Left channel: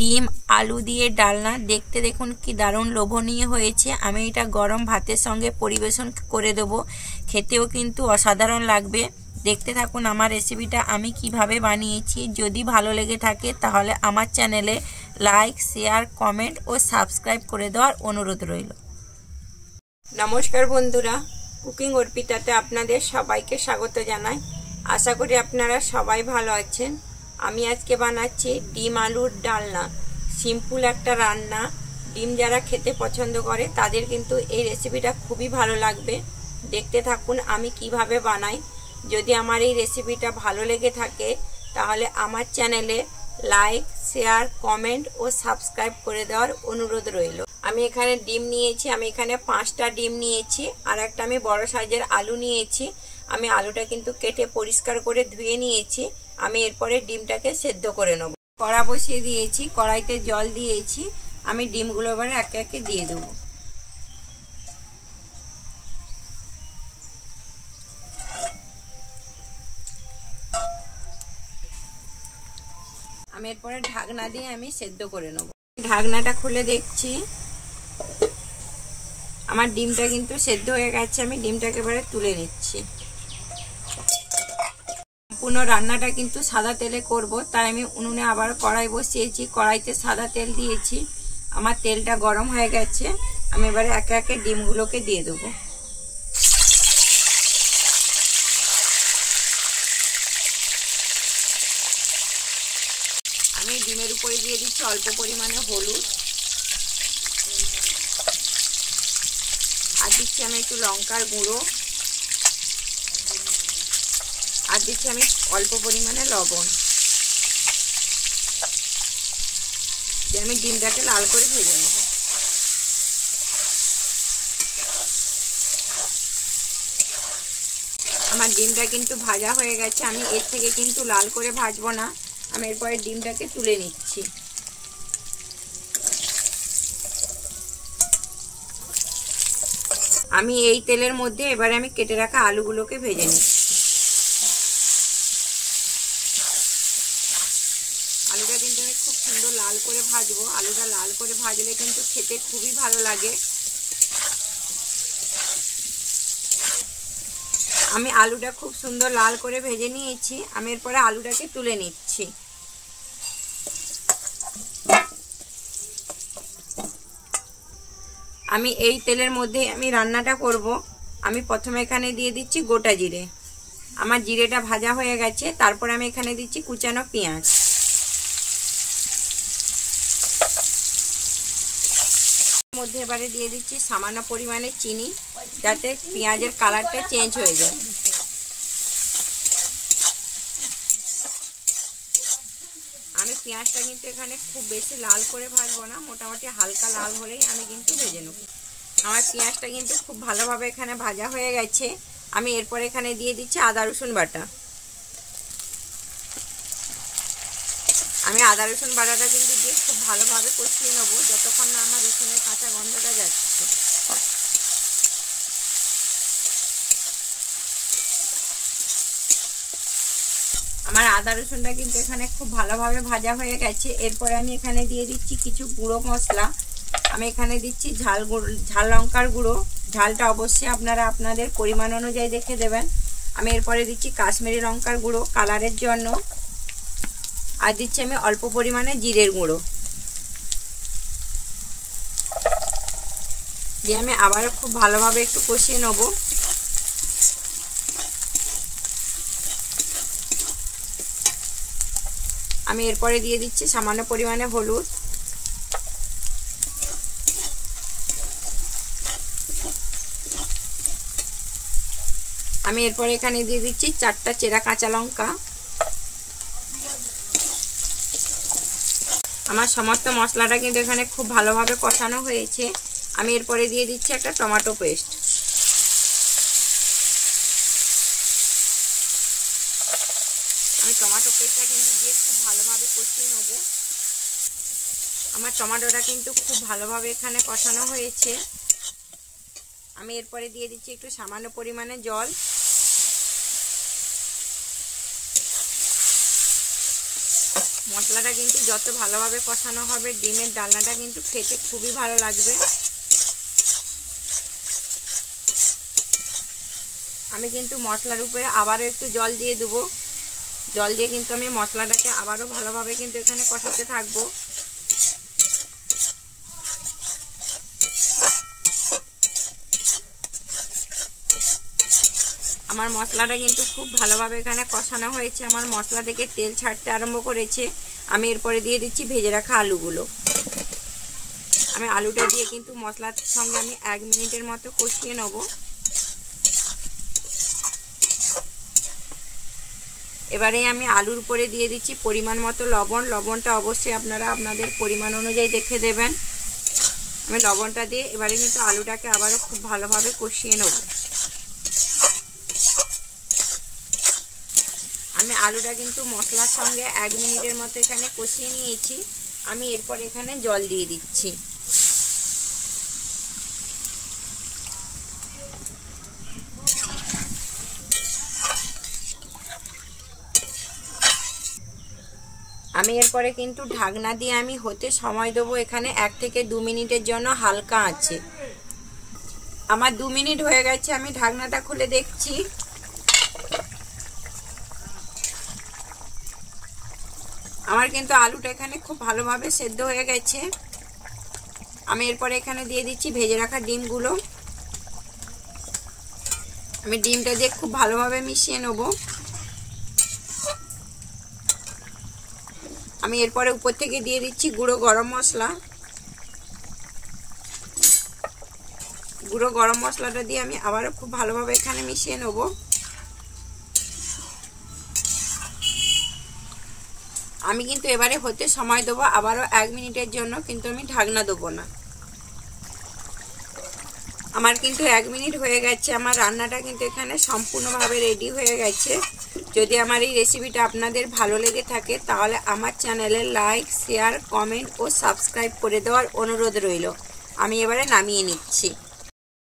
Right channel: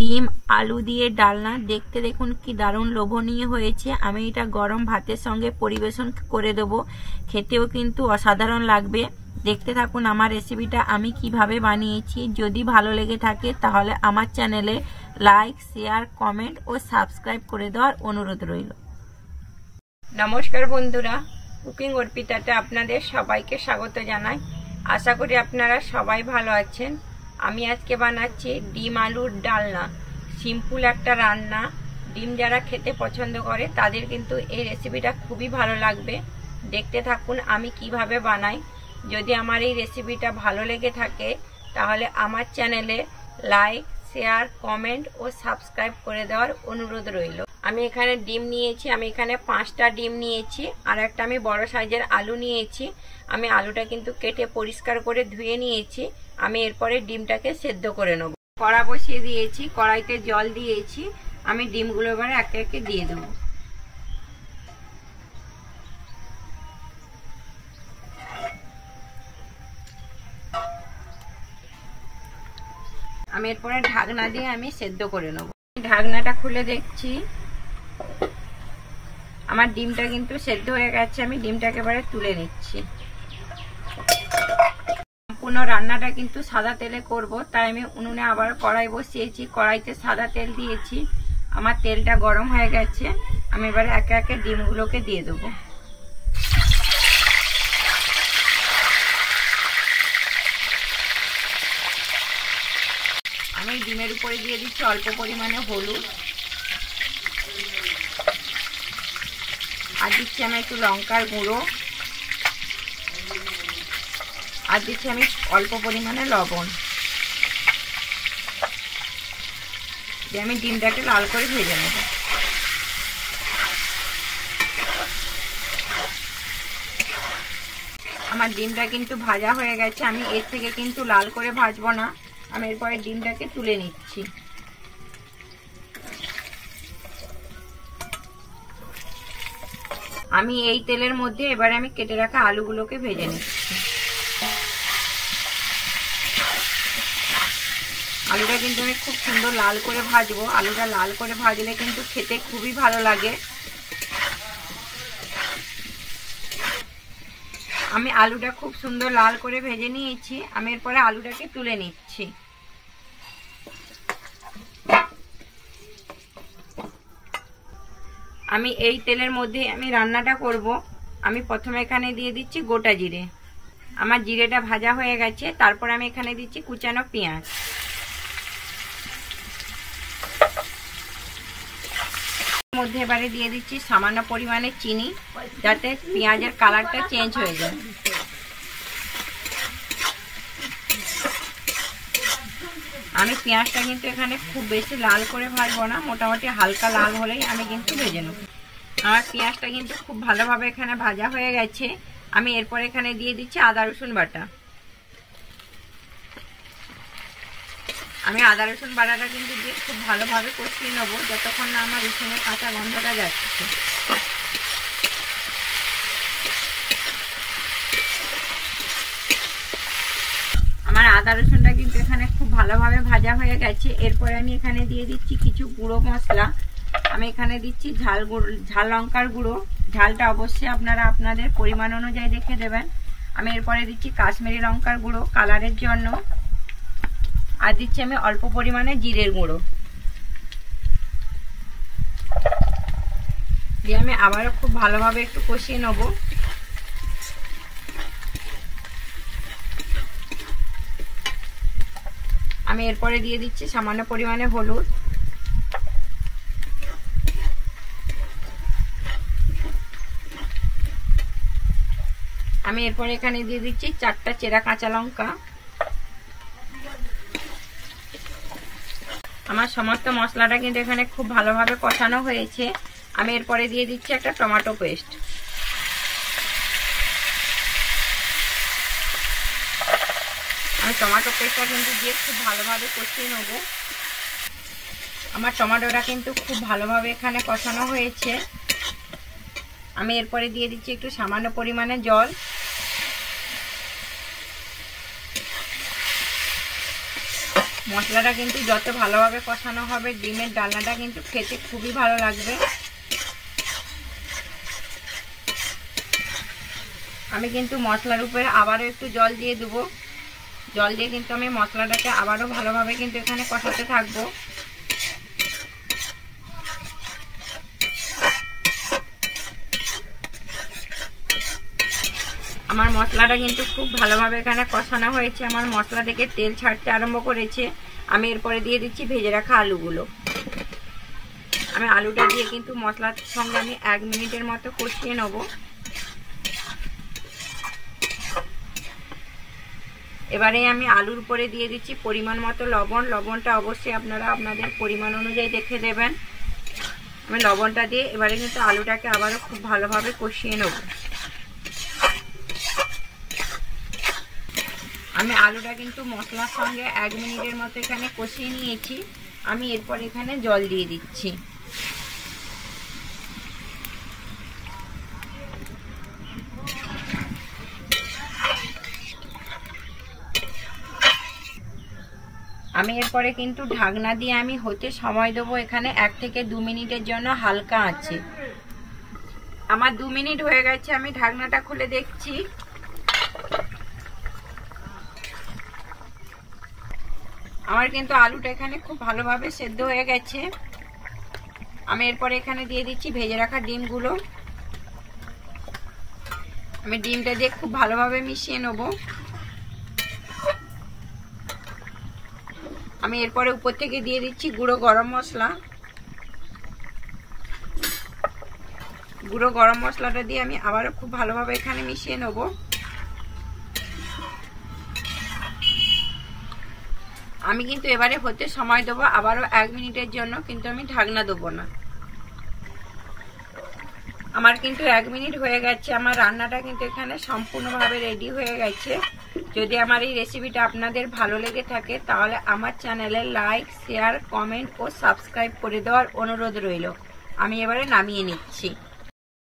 ডিম আলু দিয়ে ডালনা দেখতে দেখুন কি দারুণ লোভনীয় হয়েছে। আমি এটা গরম ভাতের সঙ্গে পরিবেশন করে দেব, খেতেও কিন্তু অসাধারণ লাগবে। দেখতে থাকুন আমার রেসিপিটা আমি কিভাবে বানিয়েছি। যদি ভালো লেগে থাকে তাহলে আমার চ্যানেলে লাইক, শেয়ার, কমেন্ট ও সাবস্ক্রাইব করে দেওয়ার অনুরোধ রইল। নমস্কার বন্ধুরা, কুকিং অর্পিতাতে আপনাদের সবাইকে স্বাগত জানাই। আশা করি আপনারা সবাই ভালো আছেন। আমি আজকে বানাচ্ছি ডিম আলুর ডালনা। সিম্পল একটা রান্না, ডিম যারা খেতে পছন্দ করে তাদের কিন্তু এই রেসিপিটা খুবই ভালো লাগবে। দেখতে থাকুন আমি কিভাবে বানাই। যদি আমার এই রেসিপিটা ভালো লেগে থাকে তাহলে আমার চ্যানেলে লাইক, শেয়ার, কমেন্ট ও সাবস্ক্রাইব করে দেওয়ার অনুরোধ রইল। আমি এখানে ডিম নিয়েছি, আমি এখানে 5টা ডিম নিয়েছি, আর একটা আমি বড় সাইজের আলু নিয়েছি। আমি আলুটা কিন্তু কেটে পরিষ্কার করে ধুয়ে নিয়েছি। আমি এরপরে ডিমটাকে সেদ্ধ করে নেব। কড়া বসিয়ে দিয়েছি, কড়াইতে জল দিয়েছি। আমি ডিমগুলো এবারে একে একে দিয়ে দেবো। আমি এরপরে ঢাকনা দিয়ে আমি সেদ্ধ করে নেব। ঢাকনাটা খুলে দেখছি আমার ডিমটা কিন্তু সেদ্ধ হয়ে গেছে। আমি ডিমটাকে এবারে তুলে নিচ্ছি। সম্পূর্ণ রান্নাটা কিন্তু সাদা তেলে করব, তাই আমি উনুনে আবার কড়াই বসিয়েছি। কড়াইতে সাদা তেল দিয়েছি। আমার তেলটা গরম হয়ে গেছে। আমি এবারে একে একে ডিমগুলোকে দিয়ে দেবো। আমি ডিমের উপরে দিয়ে দিচ্ছি অল্প পরিমাণে হলুদ, আর দিচ্ছি আমি একটু লঙ্কার গুঁড়ো, আর দিচ্ছি আমি অল্প পরিমাণে লবণ দিয়ে আমি ডিমটাকে লাল করে ভেজে নেব। আমার ডিমটা কিন্তু ভাজা হয়ে গেছে। আমি এর থেকে কিন্তু লাল করে ভাজবো না। আমি এরপরে ডিমটাকে তুলে নিচ্ছি। আমি এই তেলের মধ্যে এবারে আমি কেটে রাখা আলুগুলোকে ভেজে নিচ্ছি। আলুটা কিন্তু আমি খুব সুন্দর লাল করে ভাজবো। আলুটা লাল করে ভাজলে কিন্তু খেতে খুবই ভালো লাগে। আমি আলুটা খুব সুন্দর লাল করে ভেজে নিয়েছি। আমি এরপরে আলুটাকে তুলে নিচ্ছি। আমি এই তেলের মধ্যে আমি রান্নাটা করব। আমি প্রথমে এখানে দিয়ে দিচ্ছি গোটা জিরে। আমার জিরেটা ভাজা হয়ে গেছে। তারপর আমি এখানে দিচ্ছি কুচানো পেঁয়াজ। এর মধ্যে এবারে দিয়ে দিচ্ছি সামান্য পরিমাণে চিনি, যাতে পেঁয়াজের কালারটা চেঞ্জ হয়ে যায়। আমি পেঁয়াজটা কিন্তু এখানে খুব বেশি লাল করে ভাজবো না, মোটামুটি হালকা লাল হলেই আমি কিন্তু ভেজে নেব। আমার পেঁয়াজটা কিন্তু খুব ভালোভাবে এখানে ভাজা হয়ে গেছে। আমি এরপর এখানে দিয়ে দিচ্ছি আদা রসুন বাটা। আমি আদা রসুন বাটাটা কিন্তু দিয়ে খুব ভালোভাবে কষিয়ে নেব, যতক্ষণ না আমার রসুনের কাঁচা গন্ধটা যাচ্ছে। আমার আদা রসুনটা কিন্তু এখানে খুব ভালোভাবে ভাজা হয়ে গেছে। এরপরে আমি এখানে দিয়ে দিচ্ছি কিছু গুঁড়ো মশলা। আমি এখানে দিচ্ছি ঝাল লঙ্কার গুঁড়ো। ঝালটা অবশ্যই আপনারা আপনাদের পরিমাণ অনুযায়ী দেখে দেবেন। আমি এরপরে দিচ্ছি কাশ্মীরি লঙ্কার গুঁড়ো কালারের জন্য, আর দিচ্ছি আমি অল্প পরিমাণে জিরের গুঁড়ো দিয়ে আমি আবারও খুব ভালোভাবে একটু কষিয়ে নেব। আমি এরপরে দিয়ে দিচ্ছি সামান্য পরিমাণে হলুদ, আমি এরপরে এখানে দিয়ে দিচ্ছি 4টা চেরা কাঁচা লঙ্কা। আমার সমস্ত মশলাটা কিন্তু এখানে খুব ভালোভাবে কষানো হয়েছে। আমি এরপরে দিয়ে দিচ্ছি একটা টমেটো পেস্ট। আমি টমেটো পেস্টটা কিন্তু দিয়ে খুব ভালোভাবে কষিয়ে নেব। আমার টমেটোটা কিন্তু খুব ভালোভাবে এখানে কষানো হয়েছে। আমি এরপরে দিয়ে দিচ্ছি একটু সামান্য পরিমাণে জল। মশলাটা কিন্তু যত ভালোভাবে কষানো হবে ডিমের ডালনাটা কিন্তু খেতে খুবই ভালো লাগবে। আমি কিন্তু মশলার উপরে আবারও একটু জল দিয়ে দেবো। জল দিয়ে কিন্তু আমি মশলাটাকে আবারও ভালোভাবে কিন্তু এখানে কষাতে থাকবো। আমার মশলাটা কিন্তু খুব ভালোভাবে এখানে কষানো হয়েছে। আমার মশলা থেকে তেল ছাড়তে আরম্ভ করেছে। আমি এরপরে দিয়ে দিচ্ছি ভেজে রাখা আলুগুলো। আমি আলুটা দিয়ে কিন্তু মশলার সঙ্গে আমি 1 মিনিটের মতো কষিয়ে নেব। এবারে আমি আলুর উপরে দিয়ে দিচ্ছি পরিমাণ মতো লবণ। লবণটা অবশ্যই আপনারা আপনাদের পরিমাণ অনুযায়ী দেখে দেবেন। আমি লবণটা দিয়ে এবারে কিন্তু আলুটাকে আবারও খুব ভালোভাবে কষিয়ে নেব। আমি আলুটা কিন্তু মশলার সঙ্গে 1 মিনিটের মতো এখানে কষিয়ে নিয়েছি। আমি এরপর এখানে জল দিয়ে দিচ্ছি। আমি এরপরে কিন্তু ঢাকনা দিয়ে আমি হতে সময় দেবো এখানে 1 থেকে 2 মিনিটের জন্য হালকা আছে। আমার 2 মিনিট হয়ে গেছে। আমি ঢাকনাটা খুলে দেখছি। আমার কিন্তু আলুটা এখানে খুব ভালোভাবে সেদ্ধ হয়ে গেছে। আমি এরপরে এখানে দিয়ে দিচ্ছি ভেজে রাখা ডিমগুলো। আমি ডিমটা দিয়ে খুব ভালোভাবে মিশিয়ে নেব। আমি এরপরে উপর থেকে দিয়ে দিচ্ছি গুঁড়ো গরম মশলা। গুঁড়ো গরম মশলাটা দিয়ে আমি আবারও খুব ভালোভাবে এখানে মিশিয়ে নেব। আমি কিন্তু এবারে হতে সময় দেবো আবারও 1 মিনিটের জন্য, কিন্তু আমি ঢাকনা দেবো না। আমার কিন্তু 1 মিনিট হয়ে গেছে। আমার রান্নাটা কিন্তু এখানে সম্পূর্ণভাবে রেডি হয়ে গেছে। যদি আমার এই রেসিপিটা আপনাদের ভালো লেগে থাকে তাহলে আমার চ্যানেলে লাইক, শেয়ার, কমেন্ট ও সাবস্ক্রাইব করে দেওয়ার অনুরোধ রইল। আমি এবারে নামিয়ে নিচ্ছি।